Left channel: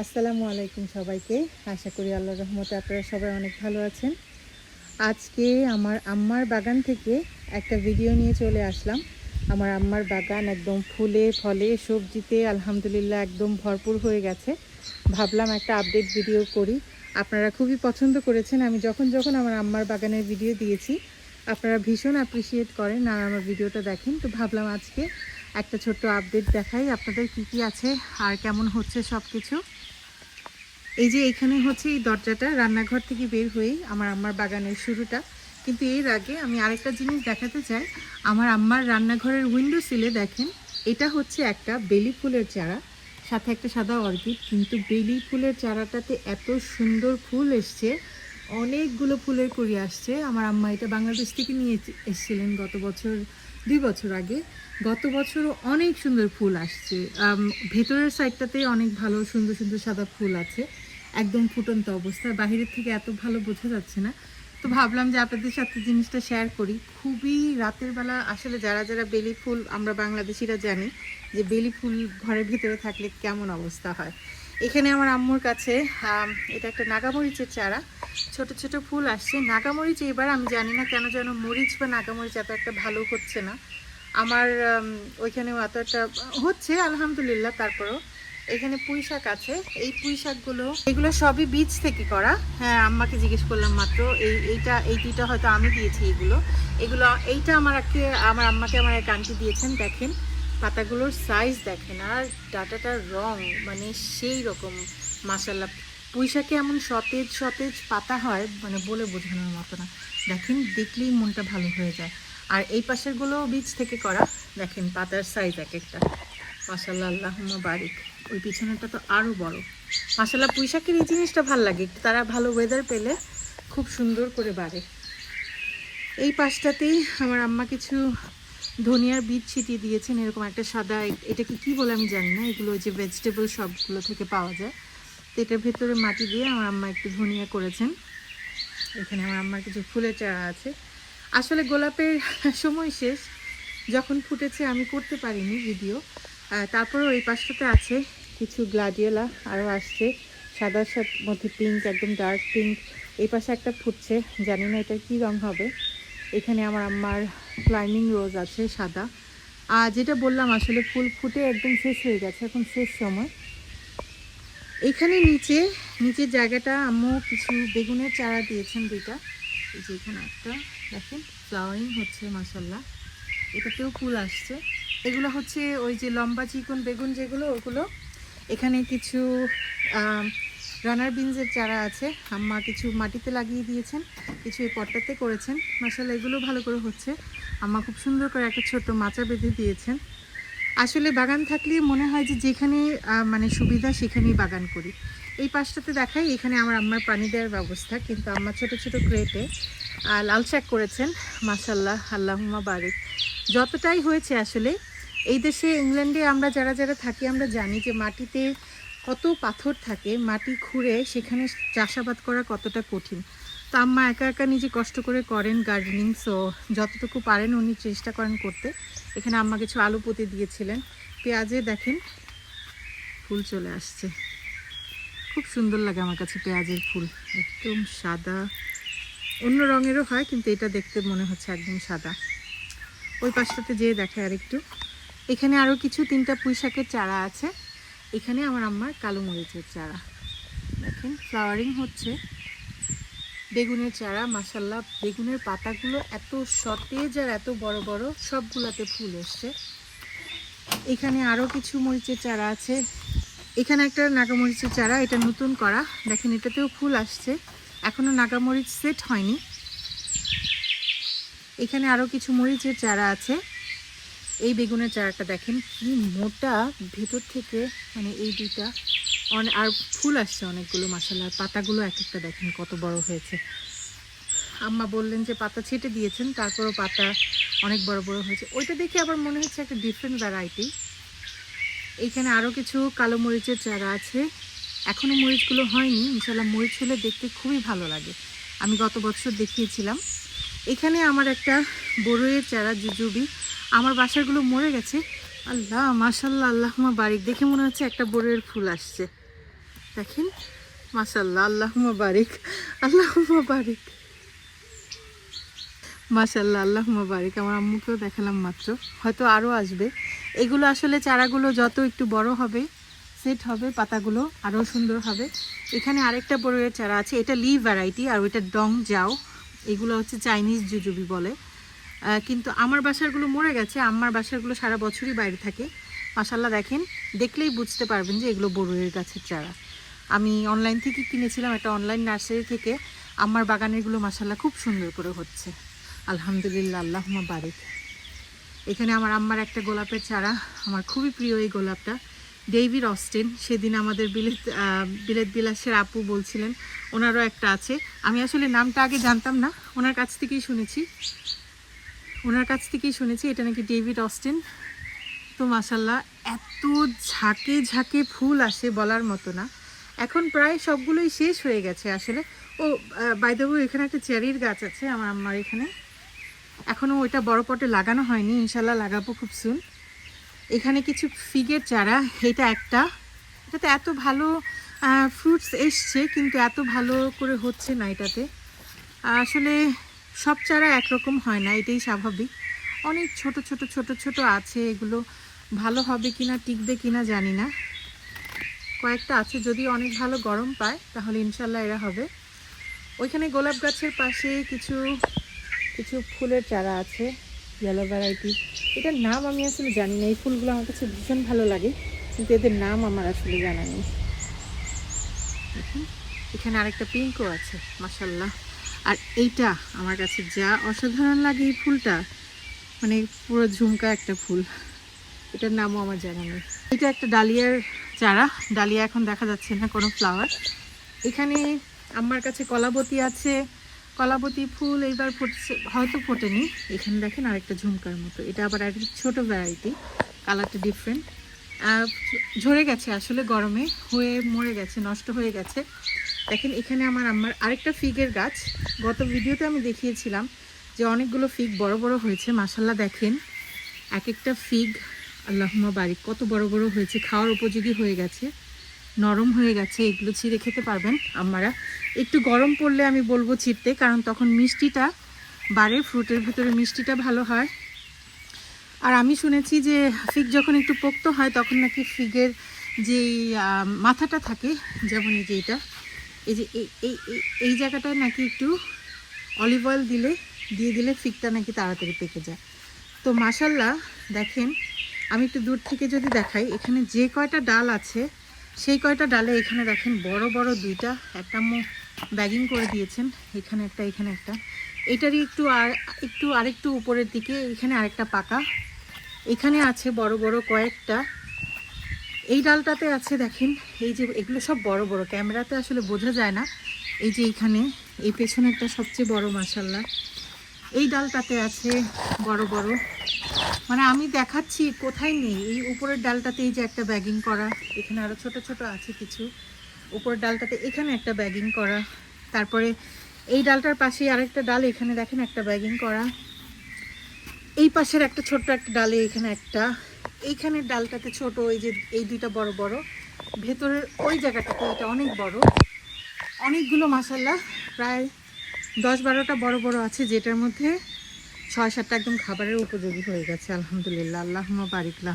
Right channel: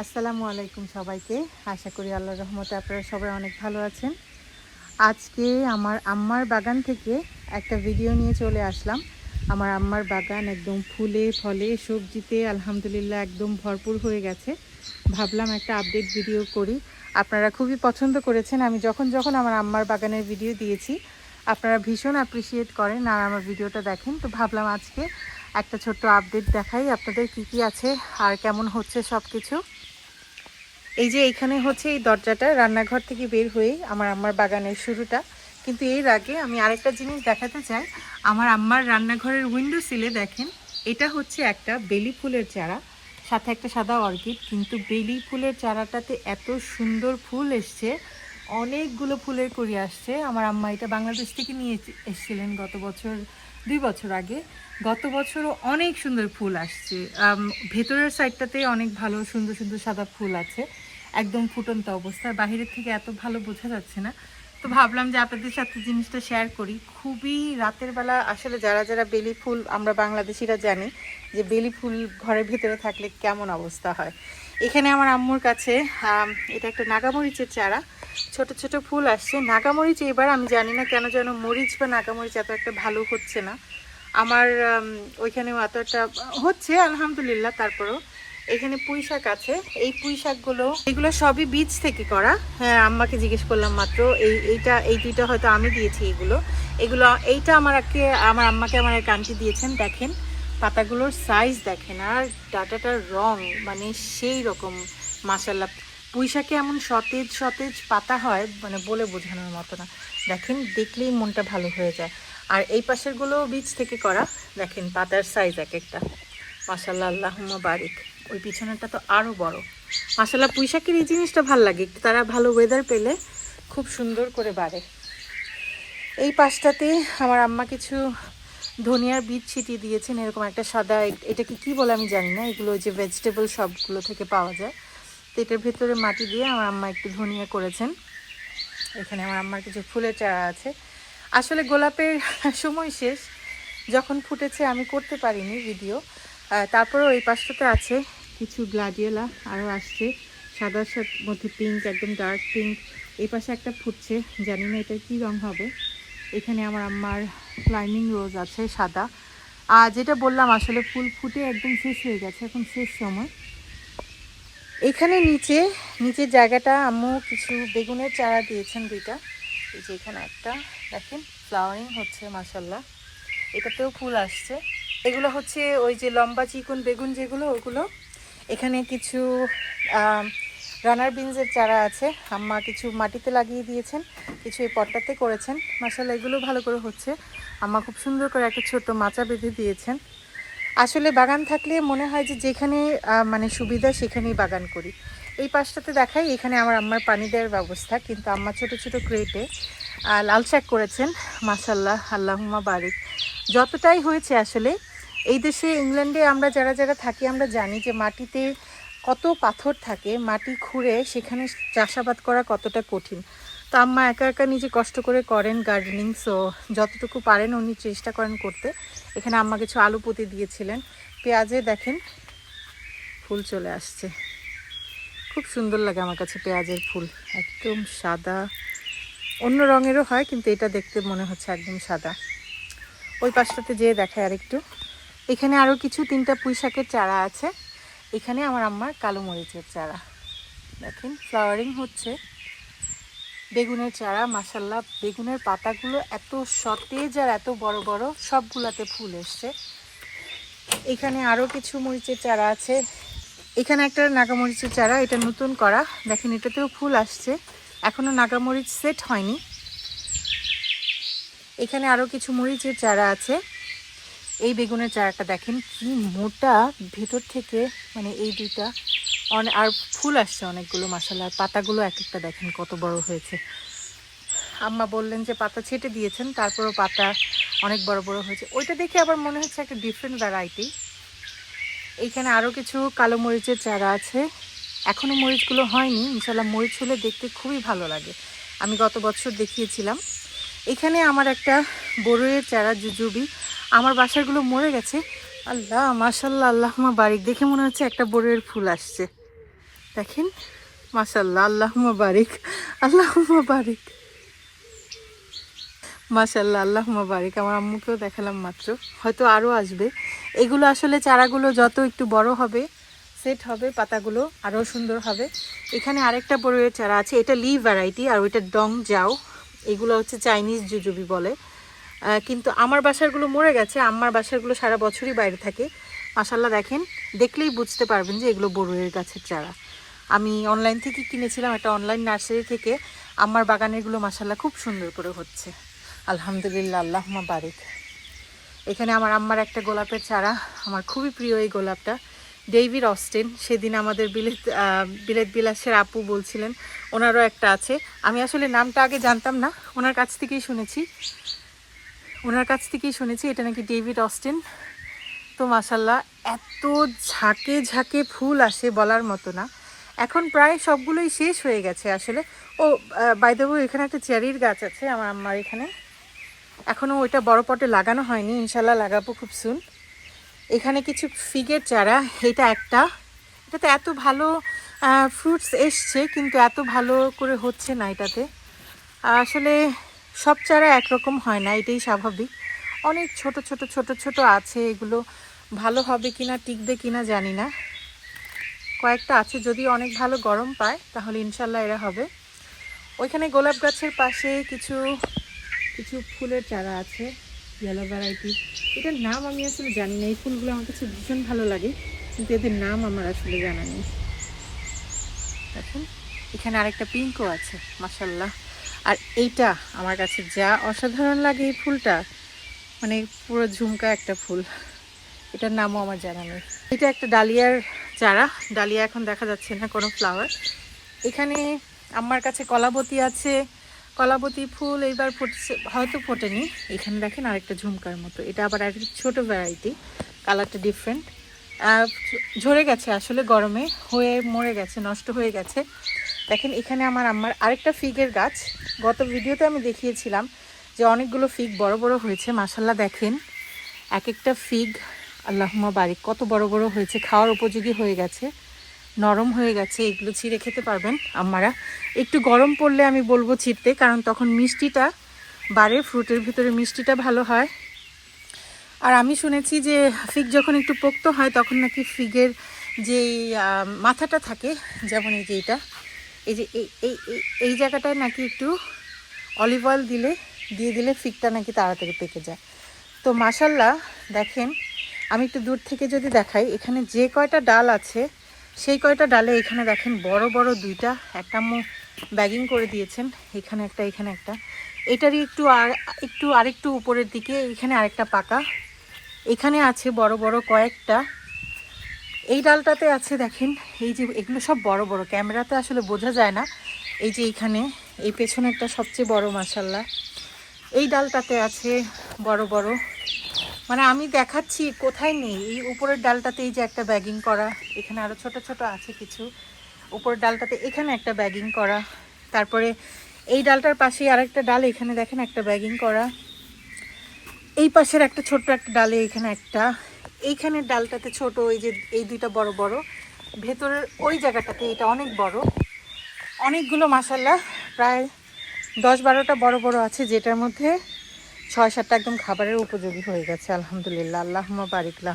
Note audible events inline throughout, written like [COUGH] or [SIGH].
আসসালামু আলাইকুম সবাইকে। আশা করি আল্লাহ রহমতে আপনারা সবাই অনেক ভালো আছেন। আজকে আমার আম্মার বাগান থেকে একটা ভিডিও নিয়ে চলে আসলাম। আমার আম্মার বাগান একদম ফুলে, ফলে, সবজিতে আলহামদুলিল্লাহ একদম ভরপুর হয়ে গেছে। ভাবলাম একটা আপডেট ভিডিও করি। আপনারা খুবই পছন্দ করেছেন। আমি যখন যখন আমার আম্মার বাগানের ভিডিও দিয়েছি, আপনারা ভীষণ অ্যাপ্রিসিয়েট করেন আর আমার ভিডিওটা দেখেন। তো ভাবলাম আজকে একটা ছোট্ট আপডেট দেখাই। আপনাদের কি কি আছে, আর কেমন হচ্ছে সব কিছু এই যে এইখানে হচ্ছে এই দরজাটা রান্নাঘর থেকে বের হয়ে আমার আম্মার বাগানের শুরুটা। কিন্তু এর আগে আমি আরেকটা জিনিস দেখাতে চাই। আমার আম্মার রান্নাঘরের উইন্ডো সিলে দেখেন, এটা হচ্ছে একটা বেলি ফুলের চারা, সাথে একটা সাদা অর্কিড। কিন্তু বেলি ফুলের চারাটাতে এত সুন্দর ফুল এসছে, অনেকগুলো ফুলের করি আসছে। আমার আম্মা এটা বাংলাদেশ থেকে নিয়ে এসেছিলেন গত বছর দুই বছর আগে গত বছরও অনেক সুন্দর ফুল আসছে। ভেতরের সাইডটাতে অনেক ভালো, সুন্দর সুন্দর সাদা ফুল আছে। একদম ফুটন্ত অবস্থায় বাহিরের থেকে এত ভালো বোঝা যাচ্ছে না। তো ভাবলাম যে আপনাদের সাথে জিনিসটা শেয়ার করি। খুবই রাতের বেলা আসলে যারা যারা বেলি ফুল আমরা বাংলাদেশিরা জানি যে বেলি ফুল ঘরের ভেতরে থাকলে কেমন অবস্থা হয়। এখানে আমার আম্মুর কাছে এটা একটা নাগামরিচের চারা। ছোট ছোট ফুল আসছে। নাগামরিচ এবার আমি জানি না কেন যেন মরিচ বা নাগামরিচ এত একটা ভালো হচ্ছে না। আমার ওইখানেও এত একটা হচ্ছে, আলহামদুলিল্লাহ, তারপরও। এখানে পুঁই শাক আছে। এই পুঁই শাকগুলো, এগুলো সবই বীজ থেকে করা। হ্যাঁ আম্মাকে জিজ্ঞেস করলাম মাত্র, এই, এইটা, এই দুইটা হয়তো আমি দিয়েছি এগুলো। এগুলো, এইটা আমার আমার আম্মাকে আমার এক আন্টি দিয়েছেন, দেখেন। পাতাগুলোর সাইজ দেখেন আর ডাটাটার রং মানে সেই রকম মাসাল্লাহ পুঁইশাকে এমন সতেজ সতেজ পাতা হয় মানে বলে বোঝানোর মতো না। দেখেন, দেখলেই মনটা ভালো হয়ে যায়। আর এই পাশেরগুলো বীজ থেকে করা, দেখেন পাতার সাইজ এক একটা। মাসাল্লাহ আল্লাহুম্মা বারিক। ওই পিছনেরটা তো আরও বড়। মাসাল্লাহ পুঁইশাকের এই জিনিসটা ভালো লাগে। তারা ভালো ওয়েদার পেলে খুব সুন্দর করে বাড়ে। এই পাশটাতে আমার আম্মা কিছু ধনিয়ার বীজ ছিটিয়ে দিয়েছেন, এরকম একটা সাদা এটাকে কি বলে আমি জানি না, এগুলো যে ভেজিটেবল সবগুলো থেকে পাওয়া যায়। তো এটার ভেতরে মাটি দিয়ে আমার আম্মা একটু ধনিয়া করেছেন। এখানে আমার আম্মার কিছু ফুলের চারা আছে। আসলে গোলাপের [LAUGHS] সময় শেষ। যখন ফুটেছে আমি করতে পারিনি ভিডিও। তারপরেও এই পাশটাতে আছে কিছু গ্লাডিওলা, আরও আসছে। সাদার সাথে মধ্যে পিঙ্ক একদম ডার্ক পিঙ্ক এই পাশে একটা ফুটছে, জানি না এটা কী রং হবে। এখানে আমার আম্মার ক্লাইমিং রোজ আছে, সাদা। আর যেটা বললাম, আসলে ফুল ফুটে একদম শেষ হয়ে গেছে, এখন শেষ সময়। এখানে নিচে, নিচের জায়গাটা আম্মু কিছু বেগুনের চারা দিয়েছেন দুইটা। এই যে এখানে একটা, দেখেন ফ্লাওয়ারিং হচ্ছে মাসাল্লাহ এটাতেও ফুল আসছে। এগুলো হচ্ছে ওই যে লম্বা চিকন বেগুন যেগুলো, ওগুলো। এখানে কিছু রানার বিনসের চারা আছে। আম্মা কিছু মাটিতে লাগিয়ে দিয়েছেন, কিছু এই পটটাতে করেছেন। মাসাল্লাহ এগুলো ভালো করে হচ্ছে। আম্মা খুব সুন্দর করে একটা ছোট্ট মাচা বেঁধে দিয়েছেন। আসলে বাগান থাকলে মনে হয় যে যেখানে মানে সুবিধা সেখানেই বাগান করি। এই পাশটাতে দেখাই, এখানে আমার আম্মার পানি দেওয়ার ব্যবস্থা। কিন্তু আম্মা ছোট ছোট ক্রেটে লাল শাক করেছেন। মাসাল্লাহ আল্লাহুমা বারিক। যতটাই হয়েছে আসলে, এই দেশে, ইংল্যান্ডে আমরা যারা যারা থাকি, আমরা জানি যে মাটিতে কত পাথর থাকে, মাটি খুঁড়ে সেখানে চাষাবাদ করা কতটা কঠিন? তো আম্মা একা একা নিজে কষ্ট করে করেন গার্ডেনিং সো যতটুকু পারেন উনি চেষ্টা করেন করতে। এখানে আম্মা কিছু আলু পুঁতি দিয়েছিলেন। পেঁয়াজে দেখেন, ফুল চলে আসছে। খুব সুন্দর লাগে আমার কাছে পেঁয়াজের ফুল, একদম সাদা। অন্য রঙেরও হয়, কিন্তু এটা দেখতে মনে হচ্ছে একদম সাদা। ওই পাশটাতে যেয়ে দেখায় আরেকটু। এখানে আরও কিছু তিনটা পুঁই শাকের চারা আছে। এখানে আমার আম্মার কালো মরিচের চারা। দেখেন ফ্লাওয়ারিং হচ্ছে। বেগুনের চারা মাসাল্লাহ বেগুনের পাতাগুলো এত সতেজ আর এত বড় বড়, সবগুলাতে ফুল এসছে। এখানে আরও কিছু মরিচের চারা আছে। এখানে একটা নাগামরিচের চারা, এটা নতুন করা। দেখেন, এটাতেও ফুল আসছে। এখনও নাগামরিচ সেট হয়নি। এখানে আরও কিছু মরিচের চারা আছে। এই বেগুনের চারাটা দেখেন কি মোটা ভেতর থেকে মানে এই দুইটা। অনেক আর ফুল আসছে অনেকগুলো মাসাল্লাহ আর পাতাগুলো এক একটা দেখেন কত বড় হয়েছে। আম্মা বললেন যে পাতা ছেটে দিয়েছেন, তারপরও পাতা অনেক বড় বড় হয়েছে। ওইটা দেখে আবার মনে হচ্ছে একটা ডিফারেন্ট ভ্যারাইটি এইখানে আরও কিছু কালো মরিচের চারা আছে। এখনও মরিচগুলো হয়নি। ইনশাল্লাহ মরিচ হলে দেখতে খুবই ভালো লাগে। আমি গত বছর দেখিয়েছিলাম। এখানে আমার একটা বড়ইয়ের চারা, জুজুবি। আমার বাসাগুলো মরে গেছে। আল্লাহ, মাশাল্লাহ আল্লাহ বাড়ি দেখে মনে হচ্ছে একটা বড়ইয়ের ফুল আসছে। দেখেন মাসাল্লাহ আল্লাহ বারিক আল্লাহ বারিক। মাসাল্লাহ আল্লাহ বারিক। আমার আম্মুকেও দেখালাম মাত্র। হয়তো আরও আসবে। এগুলো আসলে চারাগুলো যত একটু বড় হবে, সেট হবে, পাতাগুলো আরও সুন্দর হবে। এখানে আরেকটা বড়ের চারা আছে। এটা লি ভ্যারাইটি আর ওইটা ডং যাও এগুলো হচ্ছে চাইনিজ জুজুবি বলে। কিন্তু আমার বাসারগুলো মরে গেছে, আমার বাসারগুলো সারা বছরই বাইরে থাকে। মাসাল্লাহ দেখেন, দেখলেই বুঝতে পারবেন যে এগুলো বড়ুয়ের গাছের চারা। আমি অনলাইন থেকে কিনেছিলাম একটা অনলাইন নার্সারি থেকে, আমার বাগানেরগুলো মাসাল্লাহ খুব সুন্দর করে হচ্ছে। আলহামদুলিল্লাহ আল্লাহ বারিক। এখানে আমার আম্মার একটা গোলাপের চারা, আমার খুবই প্রিয় এই গোলাপটা। ডেইভিড অস্টেন, সেদিন আমাদের বিলেত বিলেত বিলাসের আপু বলছিলেন, ওনারও একটা আছে। আমি আসলে নামটা আগে জানতাম না, ওনার কাছ থেকেই শুনেছি। ওনার কাছ থেকেই শুনেছি, এটা নাকি ডেভিড অস্টেন। তো মাসাল্লাহ এত ঝাঁকে ঝাঁকে ফুল আসে বলার মতো না। এখন প্রায় সবগুলোই শেষ হয়ে গেছে আসলে। ও বাইদেবু এখানে একটা চেরির গাছ আছে আমার আম্মার এখানে। এখনও ওইটা বড় পটে লাগানো হয়নি ইনশাল্লাহ লাগাবো খুব সুন এখানে কিছু ফিগের চারা, এটা একটা। এটাতে এত ভালো ফ্রুটস এসছে, কিন্তু এত ভালো করে হচ্ছে না এটাতে। আসলে সব চারা একরকম হয় না, এটাই স্বাভাবিক। অনেক ছোট ছোট ছোট ছোট আছে, এগুলো ভালো হবে কিনা, টিকবে কিনা জানি না। কয়েকটা আছে, যদি অনেক ভালো গরম পায়, তাহলে ইনশাল্লাহ এরা হবে। ওইখানে গোলাপ গাছের পাশে কিছু কিছু ফুলের চারা আছে ইয়েলো ভ্যারাইটি এটার নাম আমি আসলে জানি না, এই ফুলগুলো আমার কাছে ভীষণ ভালো লাগে, কিন্তু এদের নাম আমার আসলে জানা নেই। দেখুন, এখানে আরেকটা পিঙ্কও আছে মাসাল্লাহ আর এইটা আমার কাছে যা অসাধারণ লাগে এই ফুলটা মানে পুরো ঝুমকা একটা ফুল। এটার নামও আমার জানা নেই। এটা একটা ডালিয়ার চারা। ডালিয়া এখন দেখা যাচ্ছে না কোনো ফ্লাওয়ার এখানে আমার কাছে কলাবতী আছে। কলাবতী ফুল এইবার ফুটছে, হয়তো ফোটেনি। এখানে দেখেন আরেকটা ঝুমকার মতো। এটা আবার একটা ছোট ভ্যারাইটি কালারটা ডিফারেন্ট ঝরে গেছে আসলে গরমে, হয়ে মরে গেছে, নষ্ট হয়ে গেছে। দেখেন, এখানে আমার আমার আরেকটা ফিগের গাছ। গত ভিডিওতে আমি দেখিয়েছিলাম যে অনেকগুলো ফিগ বড় বড় হয়েছে। মাসাল্লাহ দেখেন এক একটা ফিগ আল্লাহমা বাড়ি কত বড় বড় হয়েছে, খাওয়ার উপযোগী হয়ে গেছে, নরম হয়ে গেছে, এগুলো ছিঁড়ে খেতে পারবেন আমারা একটু গরম পড়লে আমি বলব ছিঁড়তে, কারণ তখন মিষ্টিটা বাড়ে ফ্রুটের ভিতরে মিষ্টিটা ভালো হয়। আর আমি শুনেছি যে ফিগ যখন একটু পোক্ত হয়, তখন নাকি ফিগের যে মাথাটা থাকে, যেমন এই যে এইটা এই যে, এই এই জায়গাটায় নাকি একটু অলিভ অয়েল দিলে, দিয়ে দিলে ফিকটা নাকি তাড়াতাড়ি পেকে যায়। তো মাসাল্লাহ দেখেন, আমি একটু দূর থেকে যদি দেখাই, এখানে যে কয়টা ডাল আছে, সেই কয়টা ডালে এখানে দেখেন বড় বড় দুইটা, একটা মুখ ব্যাগিং করে দিয়েছেন, এখানে একটা এখানে একটা। এটারই একটু আর, একটু আরেকটু উপরের দিকে, এখানে আরেকটা পাকা। এখানে আছে বড় বড় কয়েকটা এই ডালটাতে আছে, দেখেন, এই যে এগুলো সব বড় বড়, ক্যামেরাতে আসলে বোঝা যায় না। এই যে এখানে এই পেছনেরটা সবচেয়ে বড় মাসাল্লাহ এই ডালটাতে আছে বড় বড়। মানে আমি দেখাচ্ছি কোথায় নেই, এই উপরের ডালটাতে এই যে একটা ব্যাগিং করা, এখানে আরও ছোট ছোট আছে কিছু। উপরের ডালটাতে এখানে একটা ব্যাগিং করা। তারপরে এই ডালটার পাশে আরেকটা ডাল, এখানে দেখেন একটা ব্যাগিং করা। এই পাশের একটা ছোট্ট একটা ডালে এখানে একটা এইখানের ডালটাতে ছোট ওই যে এই দুইটা বড় বড়। ভেতরের ওই জায়গাটাতে এটা অনেক বড়। অনেকগুলো মাসাল্লাহ প্রায় দশ বারোটা বড় বড় আছে, যেটার মধ্যে ছয় সাতটা একদম খাবারের উপযোগী হয়ে গেছে, আলহামদুলিল্লাহ। আল্লাহ বারিকলা।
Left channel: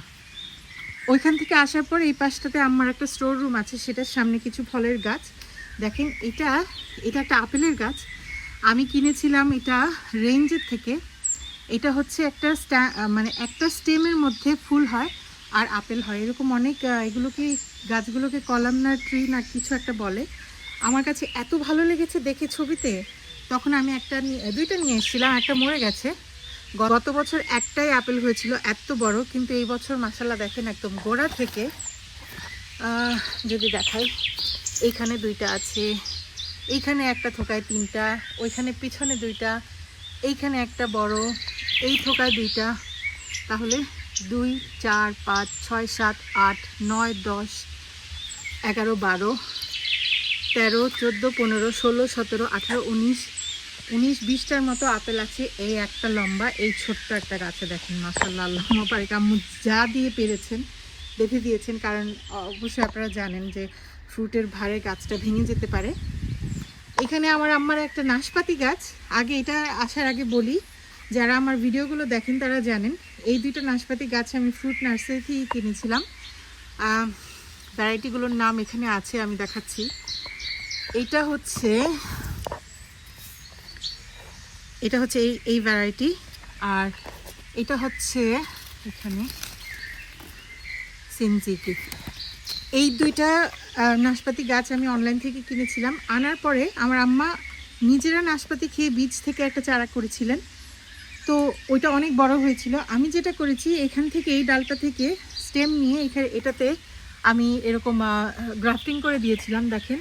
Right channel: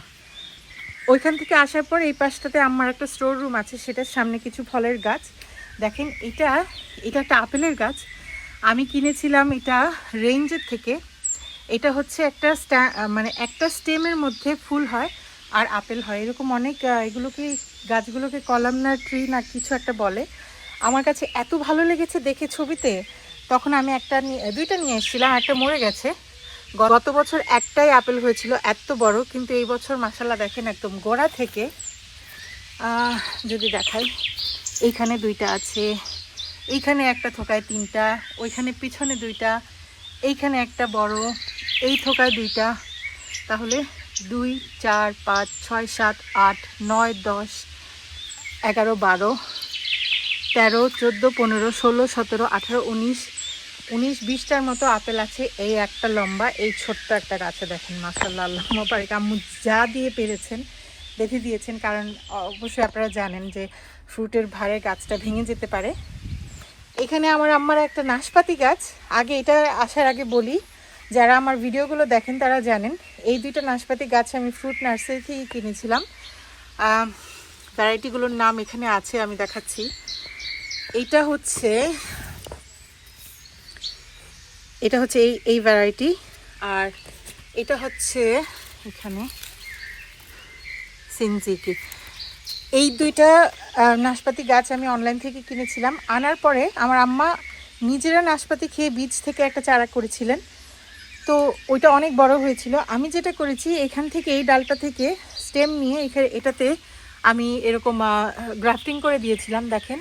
ওইখান থেকে আসার পর এই পাশটাতে আমার একটা স্টোর রুম আছে, সেটার সামনে কিছু ফলের গাছ। দেখেন, এটা এটা একটা আপেলের গাছ। আমি কিনেছিলাম এটা রেঞ্জের থেকে। এটা হচ্ছে একটা মানে একটা স্টেমের মধ্যে ফুল হয় আর আপেল হয়। এরকম অনেক এগুলোকে, গাছগুলোকে কলাম না ট্রি না কিছু একটা বলে। আমার কাছে এত ভালো লেগেছে দেখে ছবিতে। তখন আমি একটা দুইটা নিয়ে এসেছিলাম একটা মরে গেছে। গত বছর একটাই আপেল হয়েছিল, এত বড়, কিন্তু এই বছর মাসাল্লাহ দেখেন একদম গোড়া থেকে। যদি দেখাই এইখানে দুইটা আছে, এইখানে একটা থোকায় তিনটা, ওইখানে পিছনে দুইটা, এইখানে একটা বড়। এই থোকায় দুইটা। তাহলে দুই, চার, পাঁচ, ছয়, সাত, আট, নয়, দশ, এগারো, বারো, তেরো, চোদ্দ, পনেরো, ষোলো, সতেরো, আঠারো, উনিশ উনিশ, বিশটার মতো আপেল আছে এই একটা লম্বা, এই ছোট্ট একটা গাছে দেখেন মাসাল্লাহ আল্লাহ পারিক আম্মু যা দিয়ে পেরেছেন, বেঁধে দিয়েছেন, কারণ অবশ্যই আপনারা জানেন যে ফ্রুটের ভারে গাছটা ভেঙে যেতে পারে। এখানে আমার আম্মার একটা নাশপাতি গাছ, আগে এটা আসার আগে বলি যারা আমার ভিডিওগুলো দেখেন তারা জানেন, এই দুইটা নাশপাতি গাছ আমি ফ্রুট নার্সারি থেকেই কিনেছিলাম। ভ্যারাইটিগুলোর নাম এখানে আছে, আমি দেখাচ্ছি। এইটা হচ্ছে, এটা হচ্ছে এই এই ভ্যারাইটি। আর এটা হচ্ছে এখানে সিনজিকি। এই দুইটা নাশপাতি গাছ আমি অনলাইন থেকে কিনেছিলাম। আনার পরে আমার আম্মা নিজেরা নাশপাতি খেয়ে বীজ থেকে একটা চারা করেছিলেন। তো ওইটা অনেক বড় হয়েছিল। আমি যেটা করেছি, এখান থেকে এই ডালটা থেকে স্টেম নিয়ে এখানে এটাতে আমি এরকম গ্রাফটিং করে দিয়েছিলাম, দেখেন।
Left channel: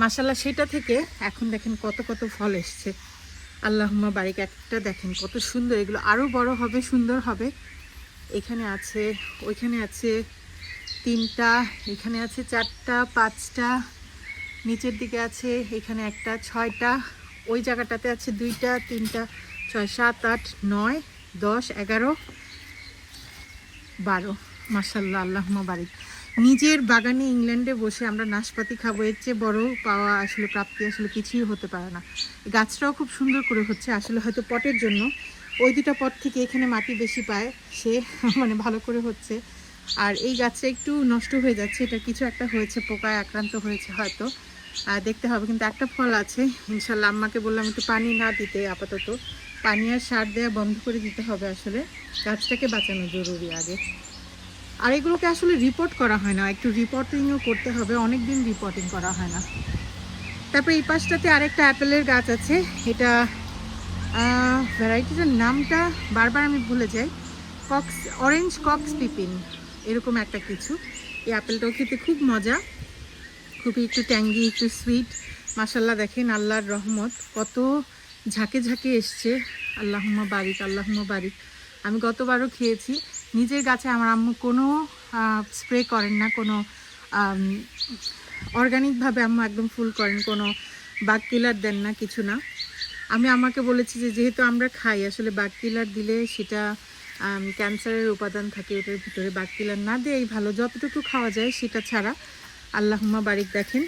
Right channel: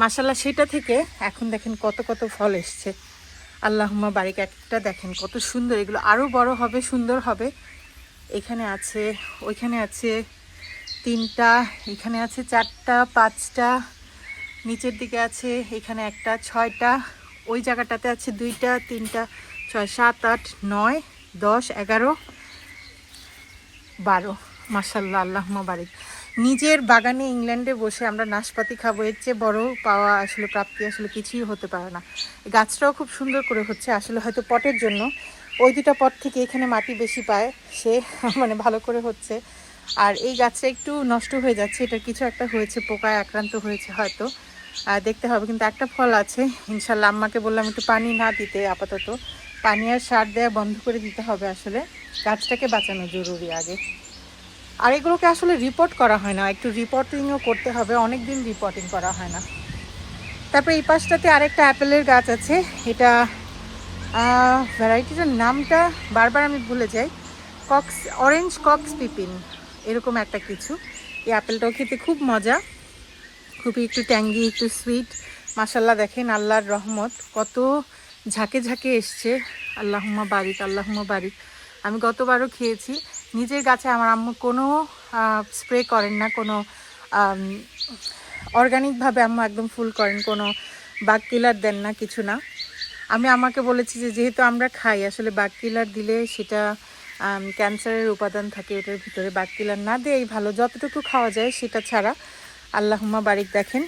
মাসাল্লাহ সেটা থেকে এখন দেখেন কত কত ফল এসছে। আল্লাহমা বাড়িকে একটা দেখেন কত সুন্দর। এগুলো আরও বড় হবে, সুন্দর হবে। এখানে আছে, ওইখানে আছে তিনটা, এখানে আছে চারটা, পাঁচটা, নিচের দিকে আছে এখানে একটা, ছয়টা, ওই জায়গাটাতে আছে দুইটা, তিনটা। ছয়, সাত, আট, নয়, দশ, এগারো, বারো। মাসাল্লাহ আল্লাহমা বাড়ি নিজের বাগানে ইংল্যান্ডে বসে আমরা নাশপাতি খাব, এর চেয়ে বড় পাওয়া আসলে, প্রাপ্তি আসলে কিছুই হতে পারে না। গাছটাও খুব সুন্দর করে হচ্ছে, আসলে হয়তো পটের জন্য। ওই দুটা পট থেকে এখানে মাটি বেশি পায়, সে [LAUGHS] মানে ভালো করে হচ্ছে। আর এই গাছটা একটু নষ্ট হয়ে যাচ্ছে এটা কিছু একটা হয়েছে, পোকায় আক্রান্ত হয়েছে হয়তো। আর দেখতে হবে, কিন্তু একটা ফল আছে। ইনশাল্লাহ আম্মাকে বললাম একটু পানি না দিতে আপাতত। পানি আর সার দেওয়া বন্ধ করে দিতে হবে আসলে। গাছটাকে বাঁচানো জরুরি আগে। আর এগুলোকে আসলে রিপোর্ট করা হয় না। একটু রিপোর্টিংও করতে হবে। অনেক দিন রিপোর্টিং করা হয় না। তারপরে এই পাশটাতে আরেকটা অ্যাপেলের গাছ আছে। এটা ভ্যারাইটিটার নামটা বারবার আমি ভুলে যাই। কক্স অরেঞ্জ কক্স পিপিন এরকম একটা কিছু। এই অ্যাপেলটাও খেতে খুব মজা। খুবই একটু ট্যাঙ্গি একটু সুইট মাসাল্লাহ দেখেন, আল্লাহর রহমত। কত ঝাঁকে ঝাঁকে এসছে। আল্লাহুম্মা বারিক আল্লাহুম্মা বারিক। আমি গতবারও খেয়েছি। নিজের গাছে আমার আম্মু কোনো স্প্রে করেন না, কোনো অর্গানিকভাবে আম্মু একদম ফুল করেন, কোনো বাগ কিলার দেন না, কিছু না। আমি আমাকে বলেছি যে, যেহেতু আমরা খাই, আসলে বাগ কিলার দিলে সেটা ক্যান্সারের উপাদান থাকে, এটার ভিতরে বাগ কিলার না দিয়েই ভালো। যতটুকু খাওয়া যায় সেটা ছাড়া। আল্লাহুম্মা বারিক দেখেন,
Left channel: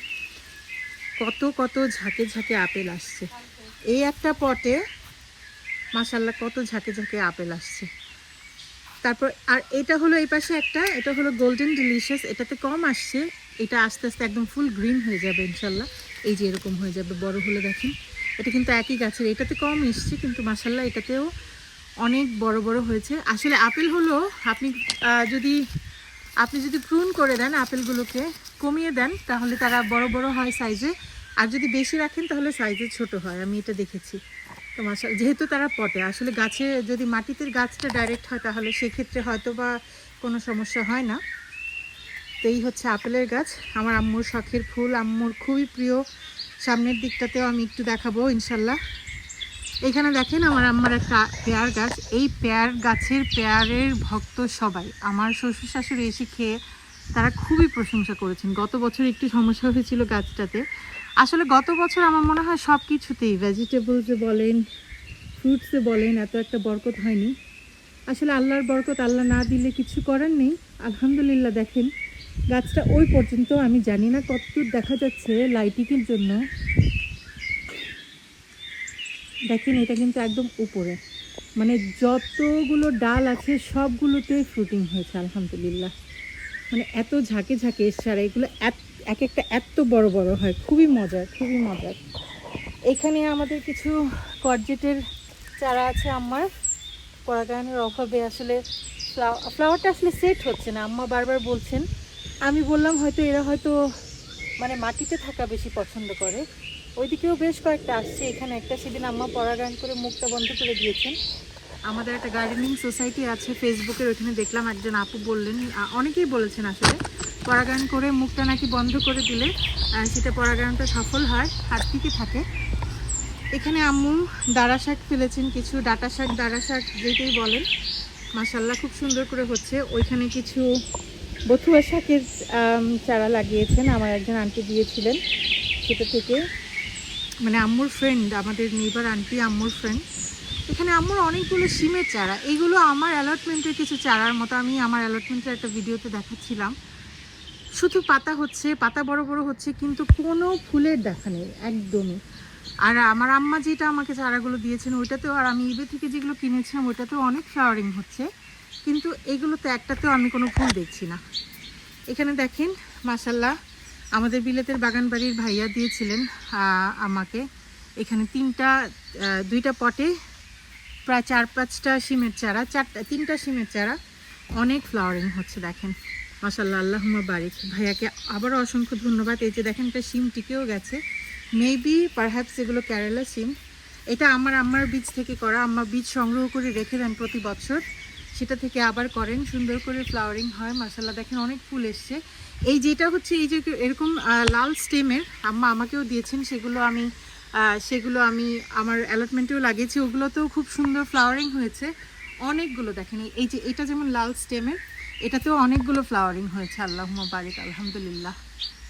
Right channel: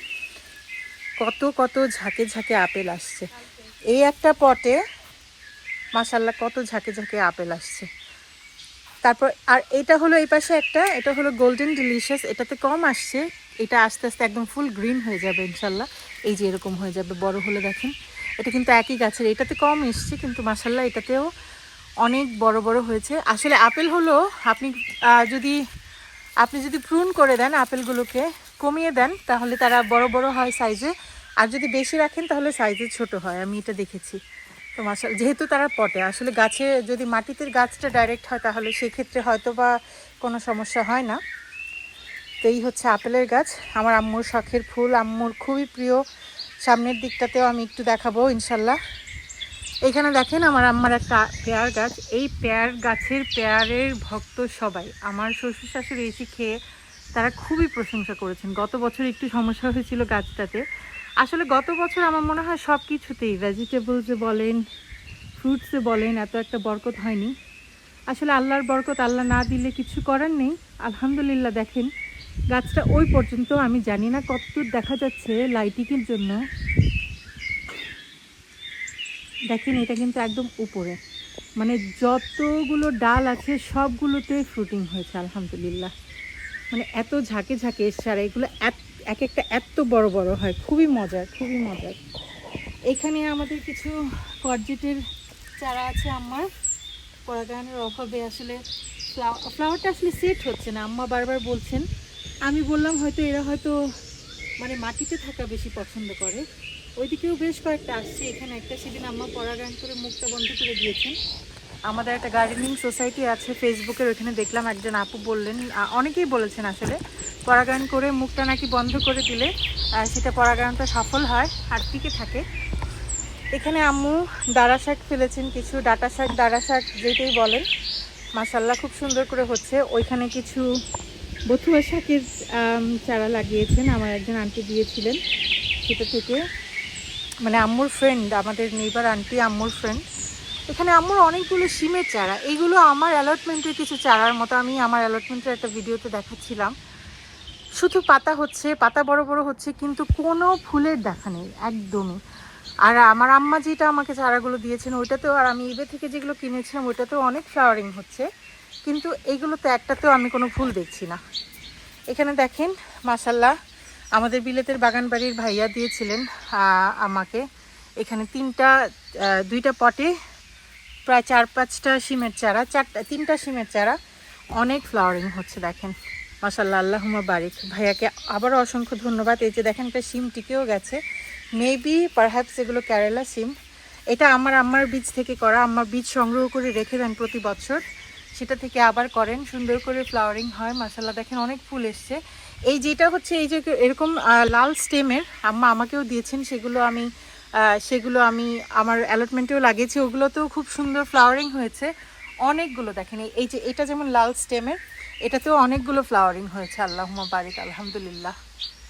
কত কত ঝাঁকে ঝাঁকে আপেল আসছে। এই একটা পটে মাসাল্লাহ কত ঝাঁকে ঝাঁকে আপেল আসছে। তারপর, আর এটা হলো এই পাশে একটা, এটা হলো গোল্ডেন ডিলিশিয়াস এটাতে কম আসছে, এটা আস্তে আস্তে একদম ফুল গ্রিন হয়ে যাবে ইনশাল্লাহ এই যে এরকম হয়ে যাবে, বড় হলে দেখেন, এটা কিন্তু একই গাছের, এটাতে কম এসছে, কিন্তু মাসাল্লাহ এটাতেও অনেক বড় বড় হয়েছে। আসলে আপেল হলো, আপনি যদি আপনি যদি প্রুন করে দেন, আপেলগুলোকে কমিয়ে দেন, তাহলে তারা বড় বড় হয় সাইজে আর যদি বেশি রাখেন, তাহলে সাইজে ছোট হয়। আমি এটা দেখেছি। তো মাসা যেহেতু তারা পটে, আসলে গাছে যদি মাটিতে গাছটা ডাইরেক্ট হয়, তাহলে সেক্ষেত্রে হয়তো বা কোনো সমস্যা হয় না। তো এই হচ্ছে আপেলের গাছ। আমার আম্মুর শখের ফুল। আম্মুর খুবই প্রিয়। সামনের দিকটাতেও আমি একটু দেখাবো, ইনশাল্লাহ। এখানে দেখেন, আমার আম্মার একটা পেয়ার গাছ। এই পেয়ার গাছের পেয়ারের ভক্ত সবাই। আমার শ্বশুর শাশুড়ি এসে খেয়ে তারা খুবই প্রশংসা করেছেন। গত বছর একটু সমস্যা হয়েছিল গাছটাতে। আসলে গত বছর আমার মনে হয় সব কিছুতেই ভেজিটেবলসে বলেন ফ্রুটসে বলেন এত একটা বরকত হয়নি। আসলে আল্লাহর বরকত আল্লাহ না দিলে কিছু করার নেই। আলহামদুলিল্লাহ দেখেন, গাছটা ওই পর্যন্ত, আমি জানি না কতদূর দেখা যাচ্ছে লাইটিংয়ের জন্য। দেখেন, এটা কিন্তু একদম উপরে। মানে যতগুলো ডাল আছে সবগুলোতে ফ্রুটিং হয়েছে, আলহামদুলিল্লাহ। মানে এত ঝাঁকে ঝাঁকে আর এগুলো এত এক একটা এত বড় বড় হয়, খুবই মজার খুবই মজার। এখানে আমাদের কিছু পর্যটের চারা আছে আমার পরাগায়নের অভাবে আসলে ফ্লাওয়ারটা আসলে সেট হচ্ছে না, আম্মা বারবার বলছেন। আমি বললাম হয়তো এরা হয়তো মানে মাটিতে থাকা বেশি পছন্দ করে। ওইদিকেও বেশ কয়েকটা আসছে, এখানে একটা সেদিন আম্মা পরাগায়ন করে মুখটা বন্ধ করে দিয়েছেন। আমাদের একটা গার্ডেনিং সোসাইটি আছে ফেসবুকের ওইখানে দেখলাম একজন আপু বললেন অনেকেই বলেছেন আসলে, পরাগায়ন করে মুখটা নাকি বন্ধ করে দিলে সেটা পরাগায়নটা সফল হয়, আর টিকে থাকে? এখানে আম্মু দাঁড়া শাক ফেলেছেন, কিছু ডাটা শাক দাঁড়া শাক যেটাই বলেন মাসাল্লাহ খুব সুন্দর করে হচ্ছে। ওইখানে কিছু বথুয়া শাকের চারা লাগিয়েছেন, আমার একজন আন্টি দিয়েছিলেন সেটা থেকে। মানে আম্মুর ফ্রেন্ড আমাদের নেইবার আন্টি আম্মুর ফ্রেন্ড এখানে আম্মুর অনেকগুলো সিমের চারা। এইগুলো আমার অ্যালটমেন্টের কিছু চারার মতো। আমি আমার অ্যালটমেন্টের একটা ভিডিওতে দেখাচ্ছিলাম। শুধু পাতা হচ্ছে, পাতা বড় বড় হচ্ছে, কিন্তু কোনো ফুলের দেখা নেই, একদমই। আর আমার আম্মা যেটা আমাকে চারাগুলো দিয়েছেন, ওইটাতেও আর আমি ইবে থেকে যেগুলো কিনেছিলাম, ওইটাতেও অনেক ফ্লাওয়ারিং হচ্ছে। কিন্তু এইগুলোতে একটাতেও আমি কোনো ফুল দেখছি না। এখানে দেখেন মাসাল্লাহ আমাদের বিলেতের বাগান বাড়ির ভাইয়া দিয়েছিলেন আমাকে। এখানে তিনটা দুইটা পটে প্রায় চার পাঁচটা সিমের চারা, চারটা, তিনটা সিমের চারা, অনেক ফ্লাওয়ারিং হচ্ছে দেখেন। মাসাল্লাহ আল্লাহুমা বারিক। ভাইয়াকে আবারও অসংখ্য ধন্যবাদ। এই যে দেখেন, একটা সিম টিকেও গেছে। মেবি পারহ্যাপস এগুলো কেরালা সিম। এটা আমার আম্মার বীজ থেকে করা। আম্মা বীজ সংগ্রহ করে রেখে দেন প্রতি বছর। সেটা থেকে আবার করেন। সুন্দর করে ফ্লাওয়ারিং হয়। মাসাল্লাহ দেখেন অনেক ফুল এসছে। এই যেটা হচ্ছে, এই যে এরকম লাল স্টেমের আম্মা আমাকেও দিয়েছেন। সেগুলো আমি সেগুলো আমি আমার অ্যালটমেন্টেও লাগিয়েছি। ওগুলোতেও খুব সুন্দর ফ্লাওয়ারিং হয়েছে। অনেকগুলো দেখেন, এই- যে এটা যেমন লাল স্টেমের এটাতেও অনেকগুলো ফ্লাওয়ারিং হয়েছে। আল্লাহুমা বারিক, আলহামদুলিল্লাহ।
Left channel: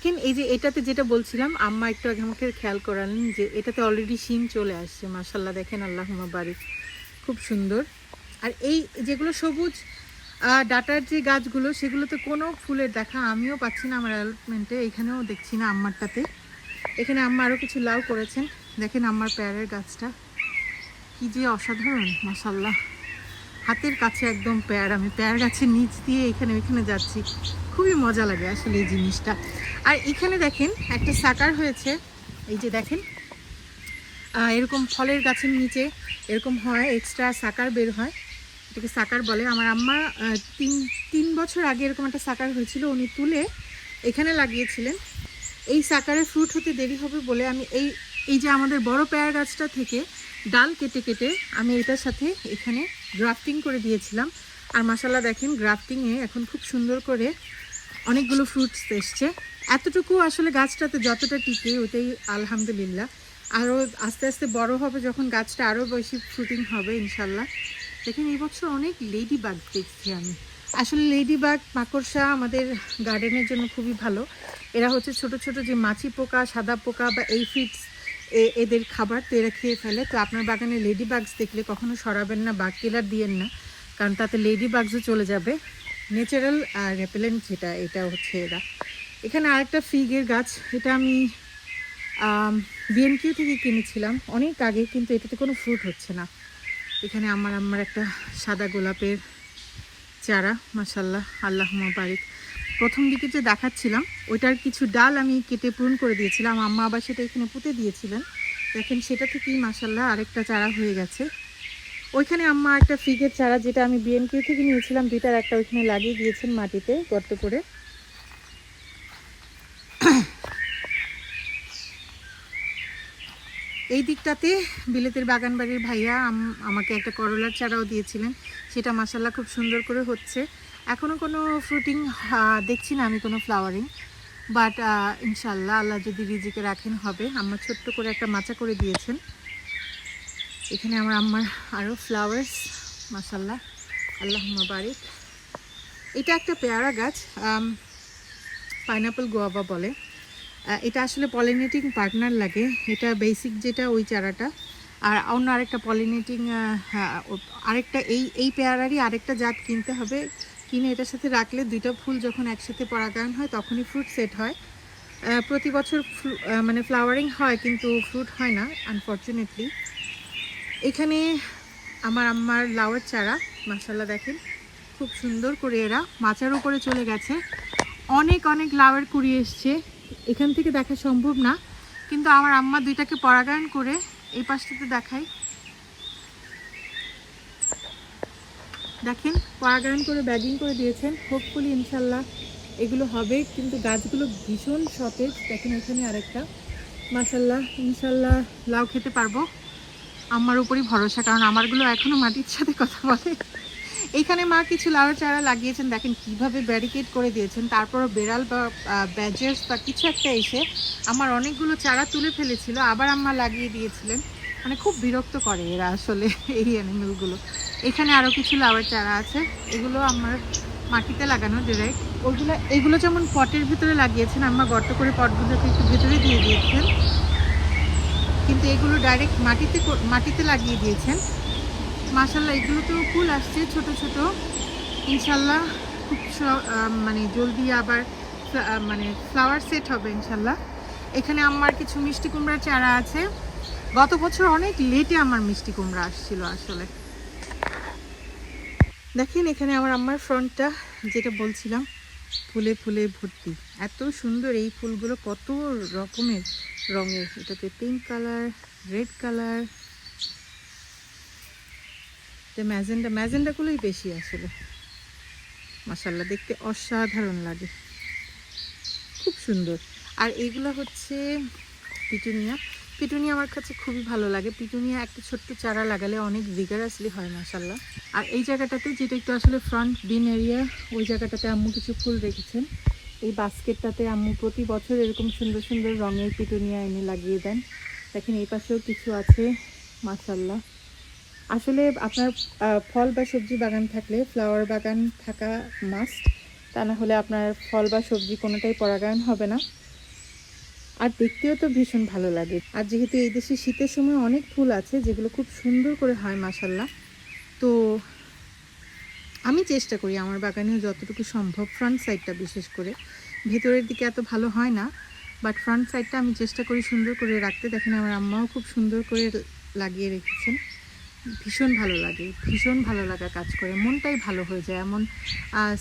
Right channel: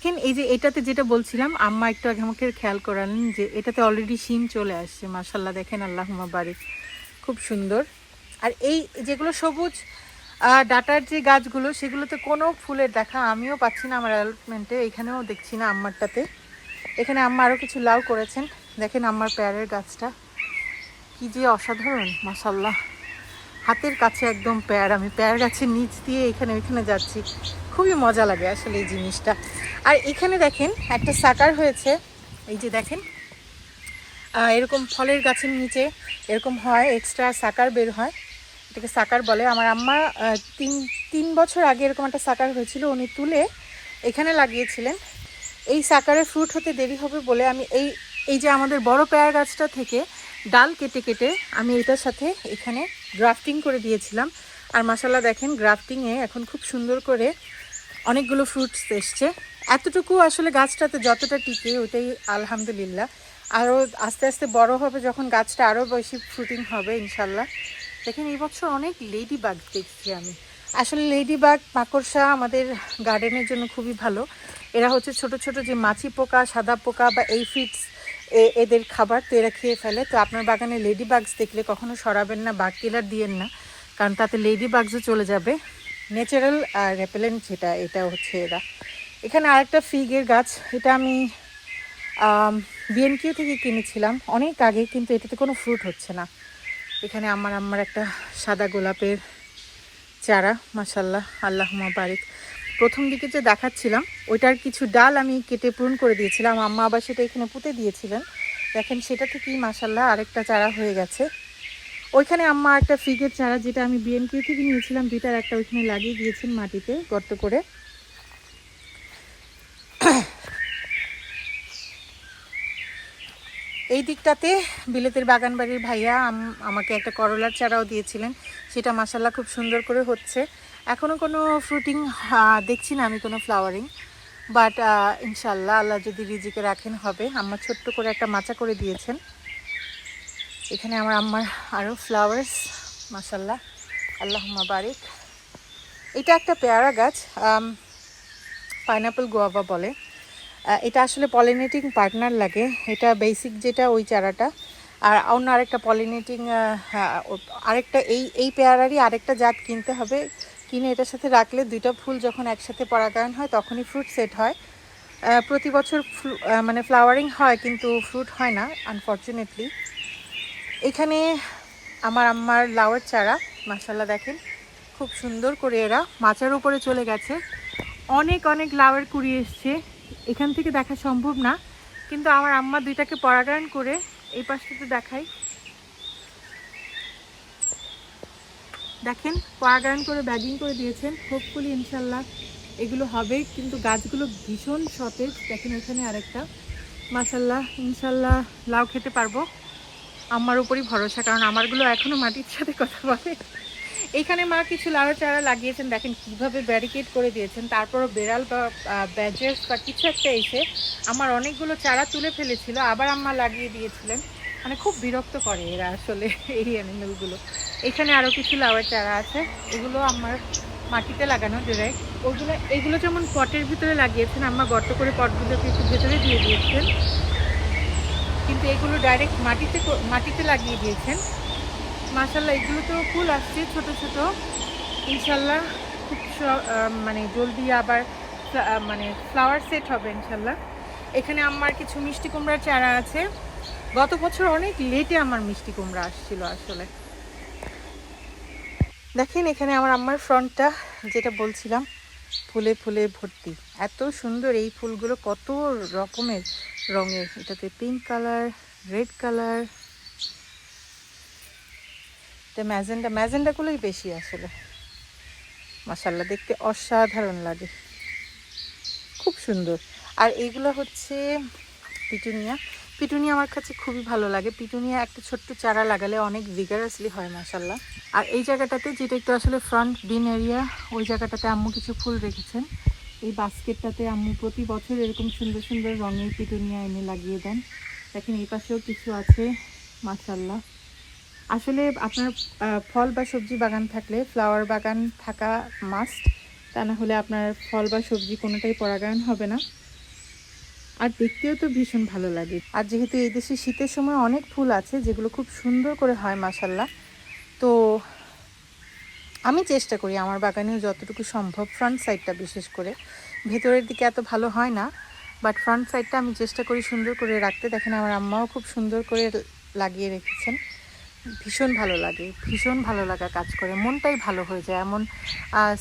কিন্তু এই যে এটাতে যেটা বলছিলাম, আম্মা একটু আগে আমাকে খেয়াল করালেন যে এটাতে অলরেডি শিম চলে আসছে। মার্শাল্লাহ দেখেন আল্লাহুমা বারিক। খুব সুন্দর। আর এই যেগুলো সবুজ ডাটার যে গাছগুলো, সেগুলোতে কোনো ফুলের দেখা আমিও পাচ্ছি না আমার অ্যালটমেন্টে এখানেও দেখছি না আম্মারটাতে। এখানে আম্মা আরও কিছু লাউ করেছেন। দেখেন আম্মার পেয়ারের গাছটা। কি যে অসাধারণ মশাল্লা হাতের কাছে একদম পেয়ার। আমি পেয়ার গাছের নিচ দিয়ে এখানে ওইখানে যাচ্ছি। খুবই মজা লাগে আসলে এই জিনিসটা। আর এখানে দেখেন, একটা সাকার হয়েছে। এই যে দেখেন এরকম ফলের গাছের নিচে এরকম হয় এক্সট্রা সাকার বের হয়। এটাকে সাকার বলে। আমার আম্মা তিন তিন বছর আগে এরকম একটা সাকার হয়েছিল। উনি তুলে এখানে লাগিয়েছিলেন। এই সাকারে ফ্রুট হতে দেরি হবে বলে আমি এই এই যে আমাদের বড় পেয়ার গাছটা থেকে ডাল কেটে কেটে আমি এটার সাথে এখানে গ্রাফটিং করে দিয়েছিলাম। আর মশালা দেখেন গ্রাফটিংয়ে এখন খুব সুন্দর করে অনেকগুলো ফ্রুটস এসছে। এতটুকু আসলে গাছটাতে যতটা টিকে ওটাই আলহামদুলিল্লাহ। আরও আস্তে আস্তে বড় হবে যখন গাছটা আরও বেশি ফ্রুটিং হবে ইনশাল্লাহ দেখেন এই বছর অনেক লেডি বাগ দেখছি আমি। আসলে লেডি বাগ মাকড়সা আমাদের গার্ডেনের জন্য খুবই ভালো। এরা হচ্ছে ছোট ছোট যে মাছি পোকা, সাদা পোকা বা এই ফিটস এদের খাবার তো এরা খেয়ে ফেলে। তো আপনার বাগানে লেডি বাগস দেখলে কখনো সরাবেন না বাগ কিলার দিয়েন না, কারণ তাতে লেডি বাগসও চলে যাবে। ন্যাচারাল রেপেলেন্ট যেটা, এটা হচ্ছে এরা। এখানে আরেকটা ফিগের গাছ, এটা আমি বিএনকিউ থেকে কিনেছিলাম। অনেক আগে, কিন্তু এটাতে কোনো ফ্রুট হচ্ছে না। এখানে আমার আমার একটা সাদা গোলাপের চারা মাসাল্লাহ আল্লাহ বারিক। প্রথম দিকে যে দেখাচ্ছিলাম, ওইটার কিছু ডাল আমি কেটে পূরণ করে দিয়েছিলাম। আম্মা আবার সেটা এখানে পুঁতে দিয়েছিলেন। দেখেন, সেটা থেকেই মাসাল্লাহ আরেকটা চারা হয়ে গেছে। ওইখানে আম্মা একটা ফিগের চারা, যেটা আমি বিএনকিউ থেকে নিয়েছিলাম, দুইটার একটা ওইখানে লাগিয়ে দিয়েছেন মাটিতে, গর্ত করে। এই দিকটাতে বিলেতের বাগান বাড়ির ভাইয়া আম- আমাকে একটা করলার চারাও দিয়েছিলেন। সেটা মাসাল্লাহ খুব সুন্দর করে হচ্ছে। এখনও কোনো ফ্রুটিং দেখছি না আমি কোনো ফ্লাওয়ারিং বাট ইনশাল্লাহ আল্লাহ যদি রিজিকে রাখেন হবে। আম্মা ছোট্ট করে একটা মাচা করে দিয়েছেন। এখানে আমার আম্মার আরও ফ্লাওয়ার্স মাসাল্লাহ আল্লাহ বারিক। এটা একটা পেয়ারা গাছ পাইনাপেল গোয়াবা বলে। এটা আসলে পলিনেটিং পার্টনার লাগে। এটা বেসিক যেটা ওই চারাটা। আর অন্য আরেকটা পলিনেটিং আরেকটা এই এই পেয়ারারই আরেকটা জাত কিনতে হবে। কিনে এটার সাথে রাখলে দুইটা ফুল যখন একসাথে পরাগায়ন হয়, তখনই ফ্রুট সেট হয়। প্রতি বছর মানে ফ্লাওয়ারিং হয় কিন্তু ফ্রুট হয় না আনফর্চুনেটলি এখানে আমার আম্মার লাউয়ের চারা মাসাল্লাহ দেখেন, খুব সুন্দর করে এরা মাচার উপরে চলে গেছে। অনেক অনেক লাউয়ের কুড়ি এসছে। এখান থেকে দেখা সম্ভব না, কিন্তু আমার আম্মা দুইটাকে পরাগায়ন করে এই পাশটাতে দেখাই দেখেন, পরাগায়ন করে ব্যাগিং করে দিয়েছেন। হোপফুলি ইনশাল্লাহ এগুলো হবে, কিন্তু গাছগুলো ভীষণ সতেজ। দেখেন এখানে আরেকটা। মাসাল্লাহ ইনশাল্লাহ লাউ খেতে পারব। আমার উপরই ভরসা, কারণ আমারগুলো এখনও মাটির সাথে কথা বলে। এইখানে মা কিছু লাউ চারা লাগিয়েছেন। দেখেন কীভাবে ব্যারিকেড করে দিয়েছেন। তারপরও বেড়াল বা ব্যাজেস বা কিছু একটা এসে আমার অনেকগুলো চারা তুলে ফেলেছিল। আবার আম্মা লাগিয়ে দিয়েছিলেন। মানে খুব বিরক্ত করে এরা আসলে এই অ্যানিমেলগুলো এখানে আরও কিছু লাউয়ের চারা আছে, এগুলো আমার মাটিতে লাগানো ডিরেক্ট ওগুলো, এগুলো যেমন পটের ভিতরে লাগিয়েছেন আমার গর্ত করে পটগুলোকে একটু ভেতরে দিয়ে দিয়েছেন। কিন্তু এগুলো ডাইরেক্ট মাটিতে মাটিতে লাগিয়ে দিয়েছেন। মাশাল্লাহ এগুলো তো ফুল আসছে ছোট ছোট। ইনশাল্লাহ খুব মানে জলদি আবার মানে ফ্লাওয়ার সেট হবে ইনশাল্লাহ এখানে আমার কিছু মিষ্টি কুমড়ার চারা আছে। গত বছর অনেক লেটে আমার মিষ্টি কুমড়া আসছিল আসলে। দেখেন এখানে আমার আম্মার ফ্রন্টটা, যেটা বলছিলাম, ফুলে ফুলে ভর্তি। এত সুন্দর এই ফুলগুলো, কত রকমের রঙের। এটাতে পিঙ্ক কালার রেড কালার এটা ম্যাজেন্ডা, ম্যাজেন্ডাগুলোই বেশি আসলে। মাসাল্লাহ দেখতে অসাধারণ লাগে। খুব সুন্দর। আর এইগুলো হচ্ছে পিটুনিয়া। পিটুনিয়া আমার কাছে খুবই ভালো লাগে। পিটুনিয়া একটা ছোট্ট চারা লাগালে অনেক ভিগারাসলি হয় মাসাল্লাহ আর এই জায়গাটাতে যেটা একটু আসলে ফ্রন্ট বিন এরিয়া ওই জায়গাটাতে আম্মু কিছু ফুল রেখেছেন। এই বাস্কেটটাতে আম্মু প্রতি বছর এরকম সুন্দর সুন্দর রঙের পিটুনিয়া এনে লাগিয়ে দেন। দেখেন এই পাশেও কিছু আছে মাসাল্লাহ আসলে আপনার ফল বা সবজি বাগান থাকলে ফ্লাওয়ার বাগান থাকা মাস্ট তা না হলে আপনার ফল বা সবজি কোনোটাই পরাগায়ন হবে না। আর দেখতেও তো ভীষণ ভালো লাগে। আর যেহেতু এই দেশে শীতের সময় অনেক ফুল আছে, যেগুলো খুব সুন্দর করে হয় মাসাল্লাহ তো আমি চেষ্টা করি আমার বাগানেও যতটুকু সম্ভব ফ্রন্ট সাইডটা বিশেষ করে। ভেতরের দিকে এত ভালো হয় না বাট ফ্রন্ট সাইডটা আমি চেষ্টা করি সুন্দর করে রাখতে। দেখেন আমার আম্মাও খুব সুন্দর করে লাগিয়ে রেখেছেন। ভীষণ ভালো লাগে, ভীষণ ভালো লাগা কাজ করে। মনটাই ভালো হয়ে যায়। এমন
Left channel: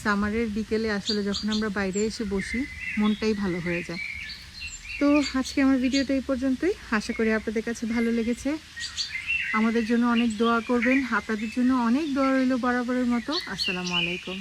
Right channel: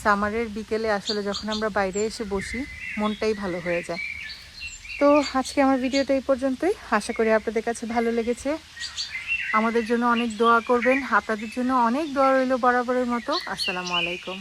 সামারের বিকেলে আসলে যখন আমরা বাইরে এসে বসি, মনটাই ভালো হয়ে যায়। তো আজকে আমার ভিডিওটা এই পর্যন্তই। আশা করি আপনাদের কাছে ভালো লেগেছে। আমাদের জন্য অনেক দোয়া করবেন। আপনাদের জন্য অনেক দোয়া রইল বরাবরের মতো। আসসালামু আলাইকুম।